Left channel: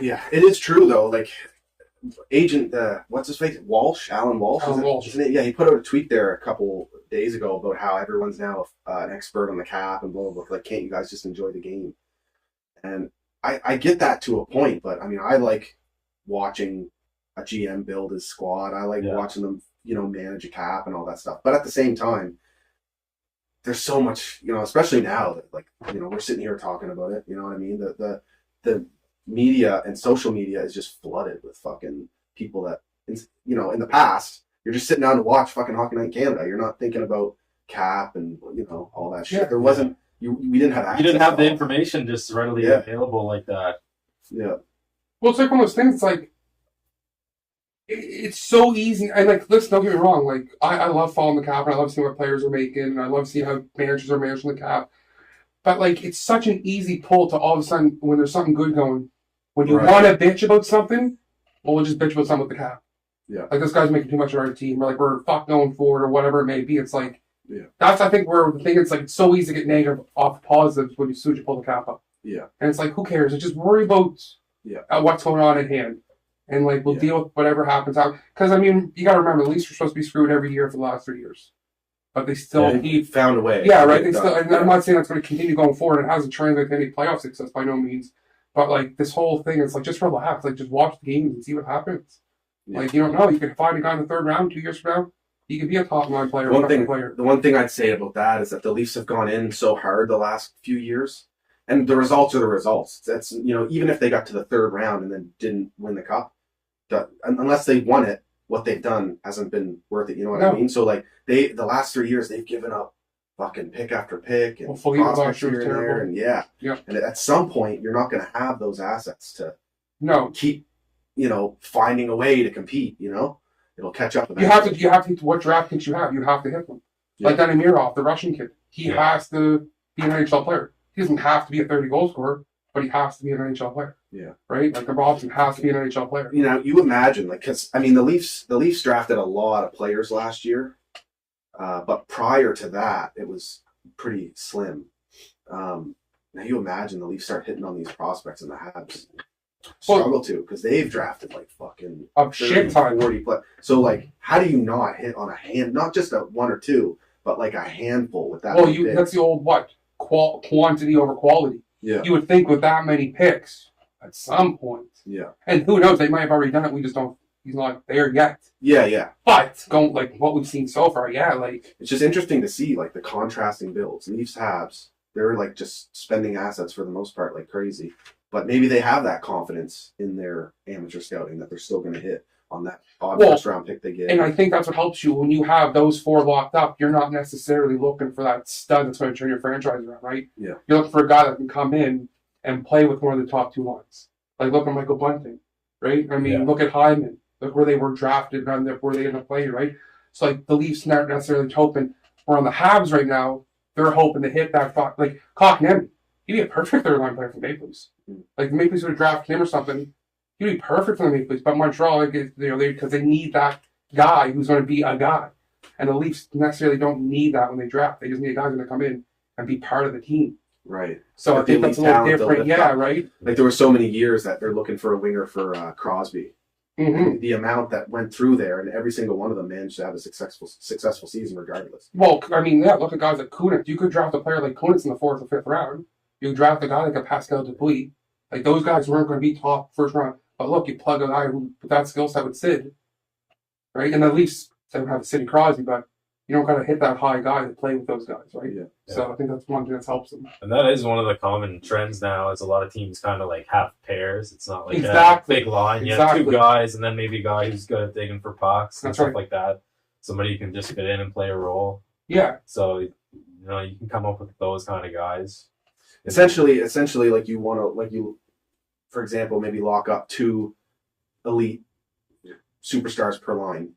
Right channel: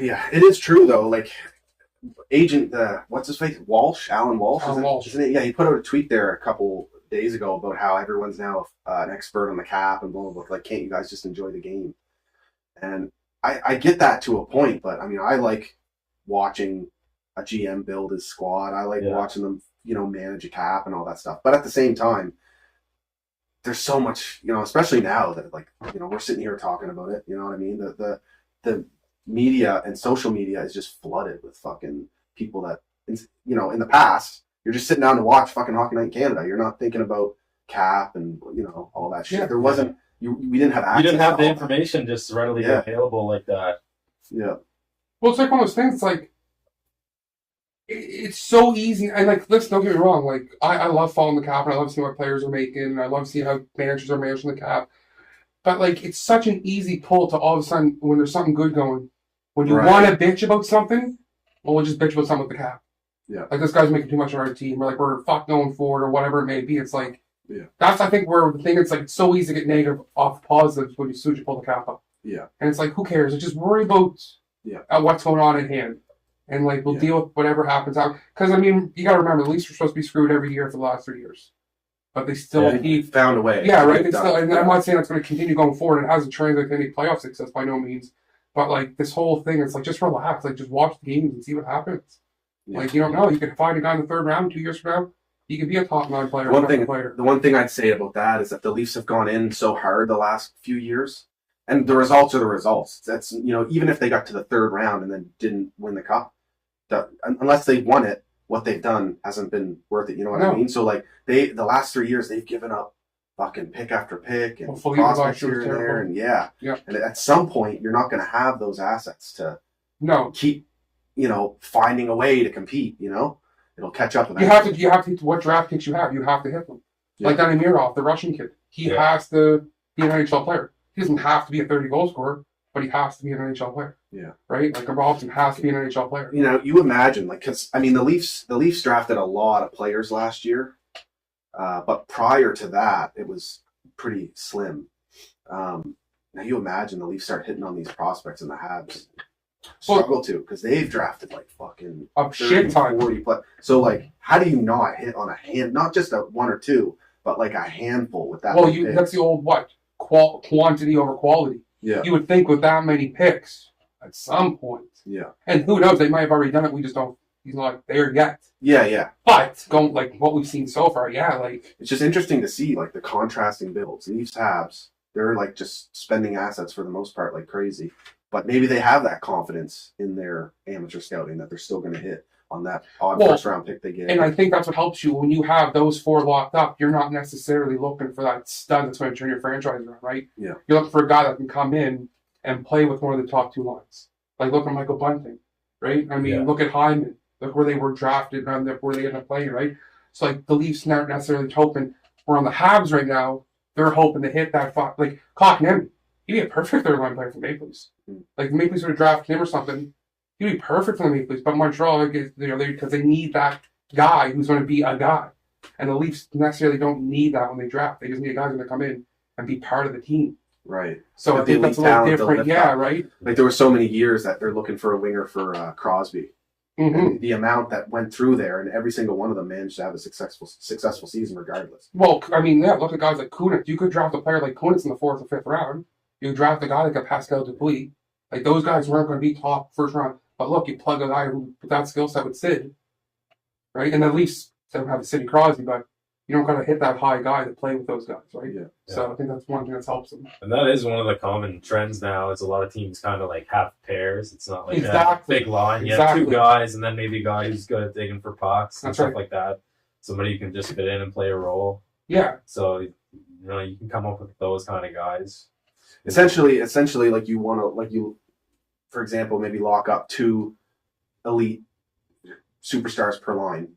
Yeah, it is true though. Like agent, what's his face? Alan Walsh. Alan Walsh. Isn't it? Yeah, he put out a tweet there a couple days ago about how everyone's now an expert on the cap and blah blah blah. Like, can't you guys just enjoy the game? And I get that to a point, but I mean, I like watching a GM build his squad. I like watching them, manage a cap and all that stuff. But at the same time, there's so much, especially now that we're sitting here talking about it. You know what I mean? The media and social media is just flooded with fucking people that, in the past, you're just sitting down to watch fucking Hockey Night in Canada. You're not thinking about cap and, all that shit. There wasn't, we didn't have access. You didn't have the information just readily available like that. Yeah. Well, it's like one of those things, it's like, it's so easy. And like, listen, don't get me wrong. Like, I love following the cap and I love seeing what players are making and I love seeing how managers are managing the cap. But like, it's such an easy pull to all of a sudden when there's something good going. When you want to bitch about something, well, we'll just bitch about something with the cap. Yeah. Like, this guy's making too much of our team, or like, we're fuck going for it, or whatever it may be. It's like, that's, I think, where the thing is, like, it's so easy to get negative off positives when as soon as you pull the cap up. Yeah. And it's like, who cares? It's just worry about what's going on at hand. And, like, we'll deal with whatever happens out. Because, I mean, you got to remember, the Leafs are supposed to be screwed every year for the last 3 years. But they still found a way. Yeah, right. They still, and I'm not saying it's going to continue going forward. It hasn't translated to any playoff success by no means. But, like, this whole thing, it's like, just relax. Like, just watch the games and see what happens. Yeah. Like, you don't know. You can find a guy in the third round 2 years from now. He could be a top 9 player. The one thing I'd say about that is that the Leafs have gone in so hard the last few years. And the results are the results. That's, even if they got to the third round and then didn't win the cup, unless they won it, what they've done hasn't been worth it. You know what I mean? So, like, the last 3 years, they've given up fucking pick after pick and prospects here and there, and and at some point you're not going to have those assets to keep finding a way to compete. It'll catch up with that. You have to hit what draft picks you have. You have to hit them. Like Danny Mirov, the Russian kid, he has to be an NHL player. He doesn't have to be a 30 goal scorer, but he has to be an NHL player. Yeah, right. Like a Robson has to be an NHL player. You imagine, like, because I mean the Leafs drafted a lot of players last year. But prior to that, it was pretty slim. Now you imagine the Leafs start hitting on these prospects and the Habs struggle to, because they've drafted like fucking a shit ton. 40 plus. So like, how do you not hit on a hand, not just a one or two, but like a handful with that? Well, that's the old quantity over quality. Yeah. You would think with that many picks at some point. Yeah. And who knows? They might have already done it. We just don't. He's not there yet. Yeah. But going like what we've seen so far, like it's just interesting to see like the contrasting builds. Leafs, Habs, they're like just spending assets for the most part like crazy. But maybe they have that confidence in their amateur scouting that they're still going to hit on that odd first round pick they get. And I think that's what helps you when you have those 4 locked up. You're not necessarily looking for that stud that's going to turn your franchise around, right? Yeah. You're looking for a guy that can come in and play with one of the top 2 lines. Like look at Michael Bunting, right? I mean, look at Hyman. Look where they were drafted and where they end up playing, right? So, like, the Leafs not necessarily hoping. We're on the Habs right now. They're hoping to hit that, like, Kotkaniemi. He'd be a perfect third-line player for Maple Leafs. Like, the Maple Leafs would draft him or something. He'd be perfect for the Maple Leafs. But Montreal, because they need that guy who's going to be a guy. And the Leafs necessarily don't need that when they draft. They just need a guy who's going to come in and be part of the team. Right. So I think that's a little different. Yeah, right? Like, there were so many years that they're looking for a winger for Crosby. Mm-hmm. The amount that went through there, and every single one of them managed to have a successful season regardless. Well, I mean, look at guys like Kunitz. You could draft a player like Kunitz in the 4th or 5th round. You draft a guy like a Pascal Dupuis. Like, those guys weren't going to be top first round. But look, you plug a guy who with that skill set with Sid, right? And at least they don't have Sidney Crosby, but you don't got to hit that high guy to play with those guys, right? Yeah. So I think that's one thing that helps them. And that is one of the common trends now is a lot of teams kind of like have pairs. It's not like a big line. You have 2 guys and then maybe a guy who's good at digging for pucks and stuff like that. Somebody you can just fit in and play a role. Yeah. So, you can come up with those kind of guys. Essentially, like you want to, for example, maybe lock up 2 elite superstars per line.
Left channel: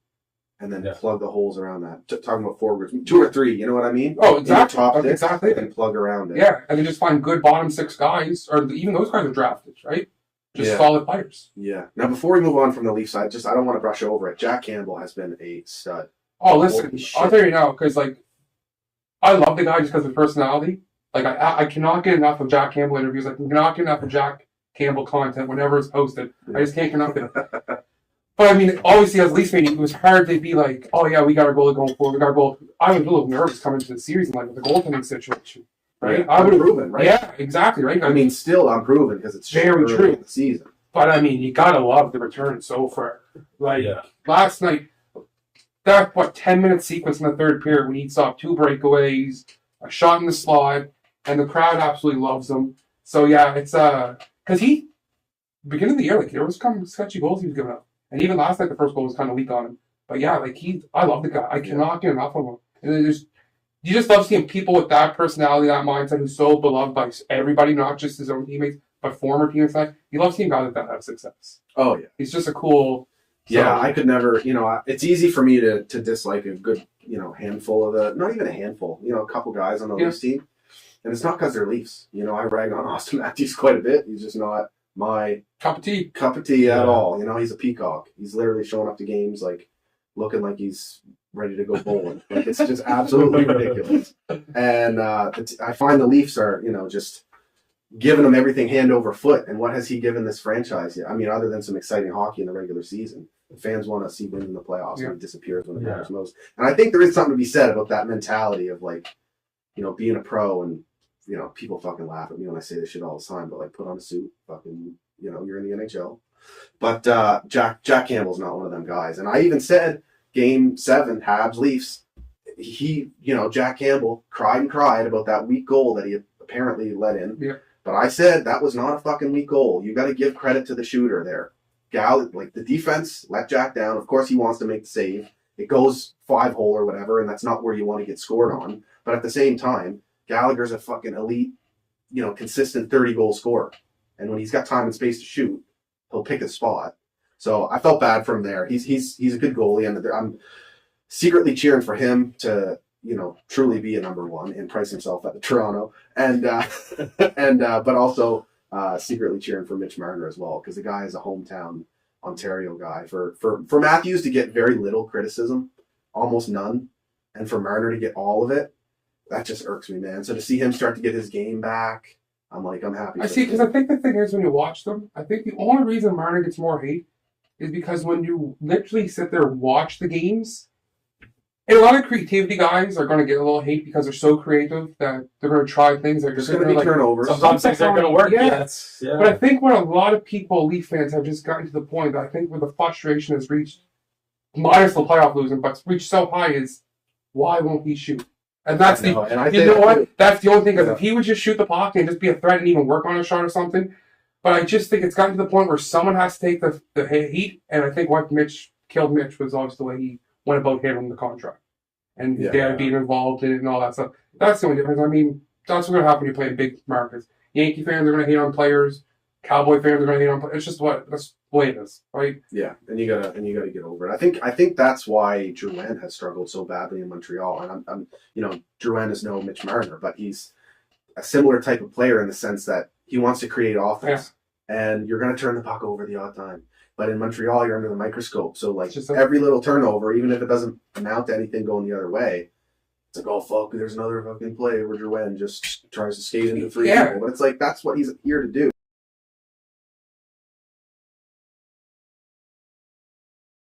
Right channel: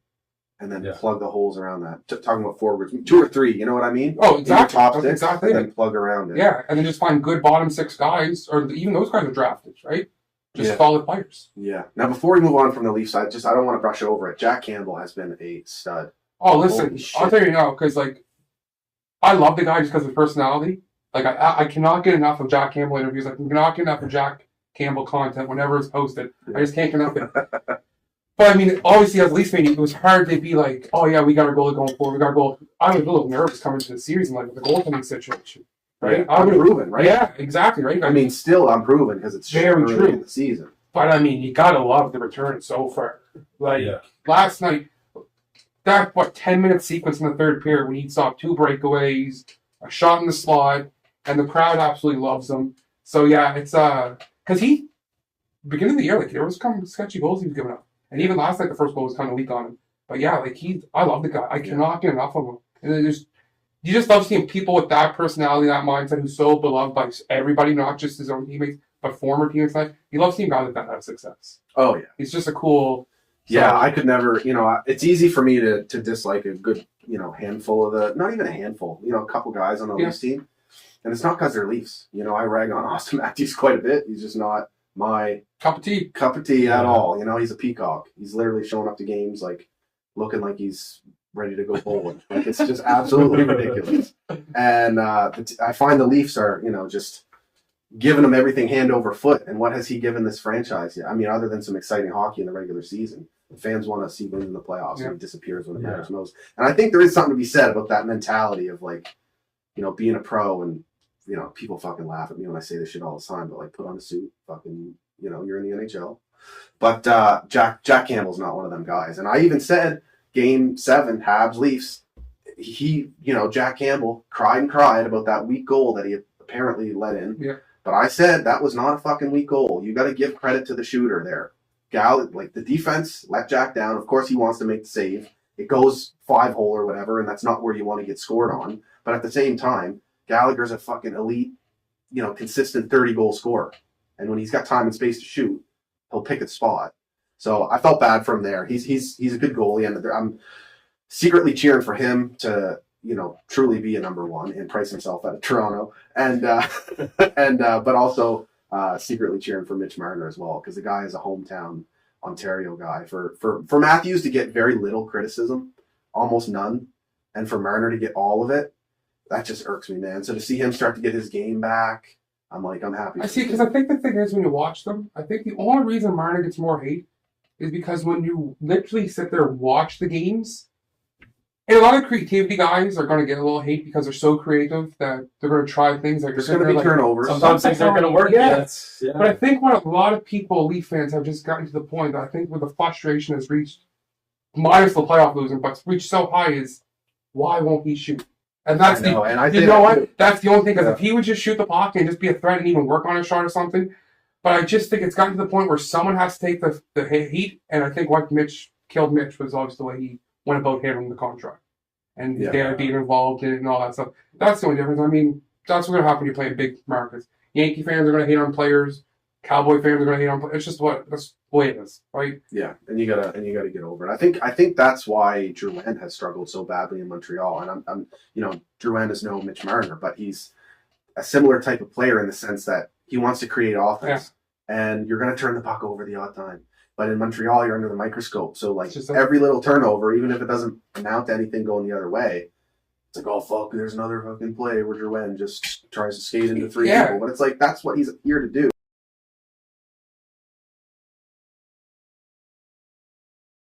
And then plug the holes around that. Talking about forwards, 2 or 3, you know what I mean? Oh, exactly. Top 6, and then plug around it. Yeah, and then just find good bottom 6 guys, or even those guys are drafted, right? Just solid players. Yeah. Now, before we move on from the Leafs side, I don't want to brush over it. Jack Campbell has been a stud. Oh, listen, I'll tell you now, because like, I love the guy just because of personality. Like, I cannot get enough of Jack Campbell interviews. I cannot get enough of Jack Campbell content whenever it's posted. I just can't get nothing. But I mean, obviously, as a Leafs fan, it was hard to be like, "Oh yeah, we got our goalie going forward. We got our goal." I was a little nervous coming to the series and like with the goaltending situation, right? Yeah, I'm proven, right? Yeah, exactly, right. I mean, still I'm proven because it's very early true in the season. But I mean, you gotta love the return so far. Like last night, that 10-minute sequence in the third period when he saw 2 breakaways, a shot in the slot, and the crowd absolutely loves him. So yeah, it's because he beginning of the year, like there was some sketchy goals he was giving up. And even last night, the first goal was kind of weak on him. But yeah, like I love the guy. I cannot get enough of him. And you just love seeing people with that personality, that mindset, who's so beloved by everybody, not just his own teammates, but former teammates. You love seeing guys like that have success. Oh yeah, he's just a cool. Yeah, I could never. It's easy for me to dislike a good handful of not even a handful. A couple guys on the Leafs team, and it's not because they're Leafs. I rag on Austin Matthews quite a bit. He's just not my cup of tea at all. He's a peacock. He's literally showing up to games like looking like he's ready to go bowling. Like it's just absolutely ridiculous. And I find the Leafs are just giving him everything hand over foot. And what has he given this franchise? I mean, other than some exciting hockey in the regular season, the fans want to see wins in the playoffs, and he disappears when it matters most. And I think there is something to be said about that mentality of like, being a pro and. People fucking laugh at me when I say this shit all the time, but like, put on a suit, fucking, you're in the NHL. But Jack Campbell's not one of them guys. And I even said, Game 7, Habs Leafs, Jack Campbell cried about that weak goal that he apparently let in. Yeah. But I said that was not a fucking weak goal. You got to give credit to the shooter there. Like the defense let Jack down. Of course, he wants to make the save. It goes 5-hole or whatever, and that's not where you want to get scored on. But at the same time, Gallagher's a fucking elite, consistent 30-goal scorer. And when he's got time and space to shoot, he'll pick his spot. So I felt bad for him there. He's a good goalie, and I'm secretly cheering for him to, truly be a number one and price himself out of Toronto. And but also secretly cheering for Mitch Marner as well, because the guy is a hometown Ontario guy. For Matthews to get very little criticism, almost none, and for Marner to get all of it, that just irks me, man. So to see him start to get his game back, I'm happy. I see, because I think the thing is when you watch them, I think the only reason Marner gets more hate is because when you literally sit there and watch the games, and a lot of creativity guys are going to get a little hate because they're so creative that they're going to try things that there's going to be turnovers. Sometimes things aren't going to work. Yeah. But I think what a lot of people, Leaf fans, have just gotten to the point that I think where the frustration has reached, minus the playoff losing, but reached so high is, why won't he shoot? And that's That's the only thing, because if he would just shoot the puck and just be a threat and even work on a shot or something. But I just think it's gotten to the point where someone has to take the heat, and I think what killed Mitch was obviously the way he went about handling the contract. And his dad being involved in it and all that stuff. That's the only difference. I mean, that's what's going to happen when you play in big markets. Yankee fans are going to hate on players. Cowboy fans are going to hate on players. It's just that's the way it is, right? Yeah, and you gotta get over it. I think that's why Drouin has struggled so badly in Montreal. And I'm Drouin is no Mitch Marner, but he's a similar type of player in the sense that he wants to create offense, and you're going to turn the puck over the odd time. But in Montreal, you're under the microscope, so like every little turnover, even if it doesn't amount to anything going the other way, it's like, oh fuck, there's another fucking play where Drouin just tries to skate into 3 people. But it's like that's what he's here to do.